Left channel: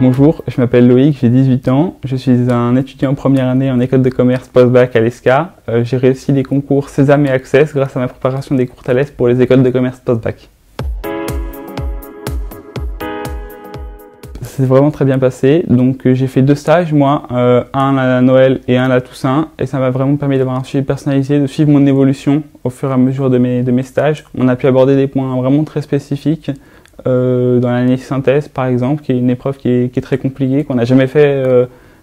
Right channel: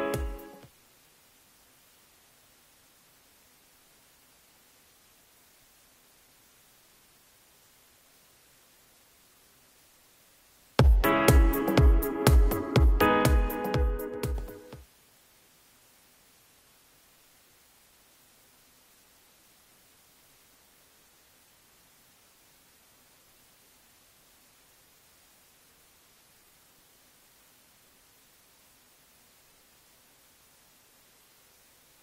Bonjour, je m'appelle Loïc, j'ai 18 ans, je suis un étudiant en première année en école de commerce post-bac à l'ESCA. J'ai réussi les concours Sésame et Access grâce à ma préparation des cours Thalès pour les écoles de commerce post-bac. Ça s'est vraiment très bien passé, donc j'ai fait 2 stages, moi, un à Noël et un à Toussaint, et ça m'a vraiment permis d'avoir un suivi personnalisé, de suivre mon évolution au fur et à mesure de mes stages. On a pu aborder des points vraiment très spécifiques, dans l'analyse synthèse par exemple, qui est une épreuve qui est très compliquée, qu'on n'a jamais fait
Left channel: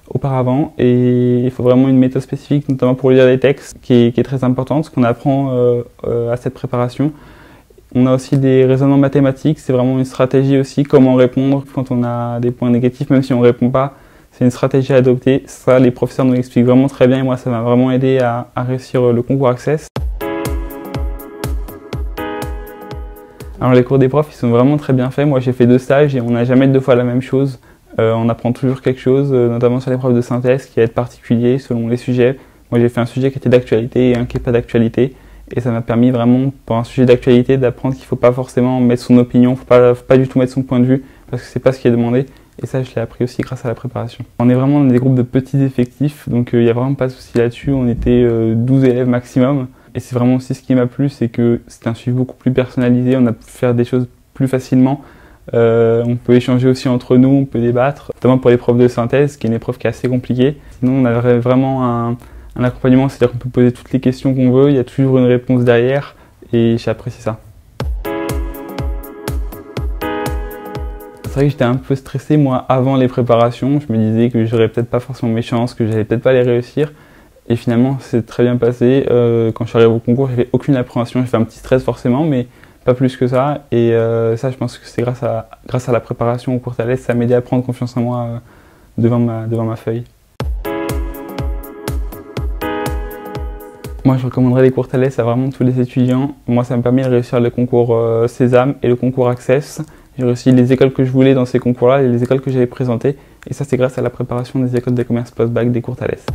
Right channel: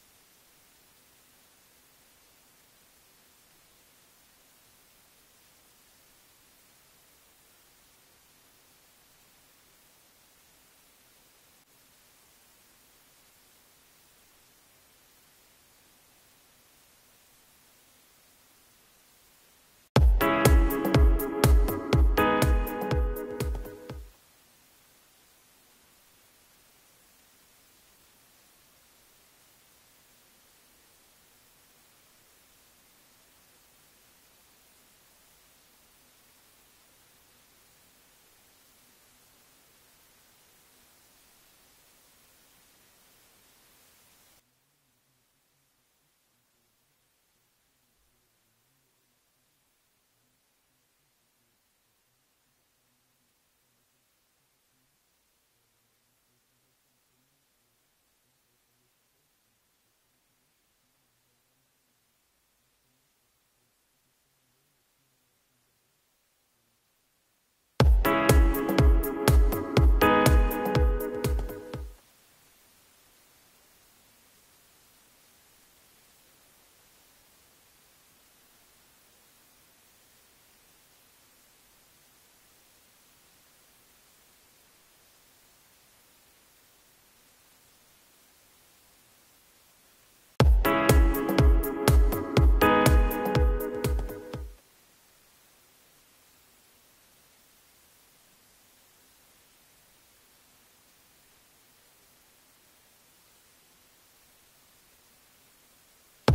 auparavant, et il faut vraiment une méthode spécifique, notamment pour lire des textes, qui est très importante, ce qu'on apprend à cette préparation. On a aussi des raisonnements mathématiques, c'est vraiment une stratégie aussi, comment répondre quand on a des points négatifs, même si on ne répond pas, c'est une stratégie à adopter. Ça, les professeurs nous l'expliquent vraiment très bien, et moi ça m'a vraiment aidé à réussir le concours Access. Alors les cours des profs, ils sont vraiment très bien faits. Moi j'ai fait 2 stages et on n'a jamais 2 fois la même chose. On apprend toujours quelque chose, notamment sur l'épreuve de synthèse qui va être particulier selon les sujets. Moi j'ai fait un sujet qui était d'actualité et un qui n'est pas d'actualité. Et ça m'a permis vraiment, pour un sujet d'actualité, d'apprendre qu'il ne faut pas forcément mettre son opinion, il ne faut pas du tout mettre son point de vue, parce que c'est pas ce qui est demandé. Et ça, je l'ai appris aussi grâce à la préparation. On est vraiment dans des groupes de petits effectifs, donc il n'y a vraiment pas de souci là-dessus. On était 12 élèves maximum. Et c'est vraiment aussi ce qui m'a plu, c'est que c'était un suivi beaucoup plus personnalisé, on a pu faire des choses plus facilement. On peut échanger aussi entre nous, on peut débattre, notamment pour l'épreuve de synthèse, qui est une épreuve qui est assez compliquée. Sinon, on a vraiment un accompagnement, c'est-à-dire qu'on peut poser toutes les questions qu'on veut, il y a toujours une réponse derrière, et j'ai apprécié ça. C'est vrai que j'étais un peu stressé moi avant les préparations, je me disais que j'aurais peut-être pas forcément mes chances, que j'allais peut-être pas les réussir. Et finalement, c'est très bien passé. Quand je suis arrivé au concours, j'avais aucune appréhension. J'ai fait un petit stress forcément, mais pas plus que ça. Et ça, je pense que c'est grâce à la préparation au cours Thalès, ça m'a aidé à prendre confiance en moi devant ma feuille. Moi, je recommanderais les cours Thalès à vraiment tous les étudiants. Moi, ça m'a permis de réussir le concours Sésame et le concours Access. J'ai réussi les écoles que je voulais dans ces concours-là et les écoles que j'avais présentées. Et ça, c'est grâce à la préparation des écoles de commerce post-bac des cours Thalès.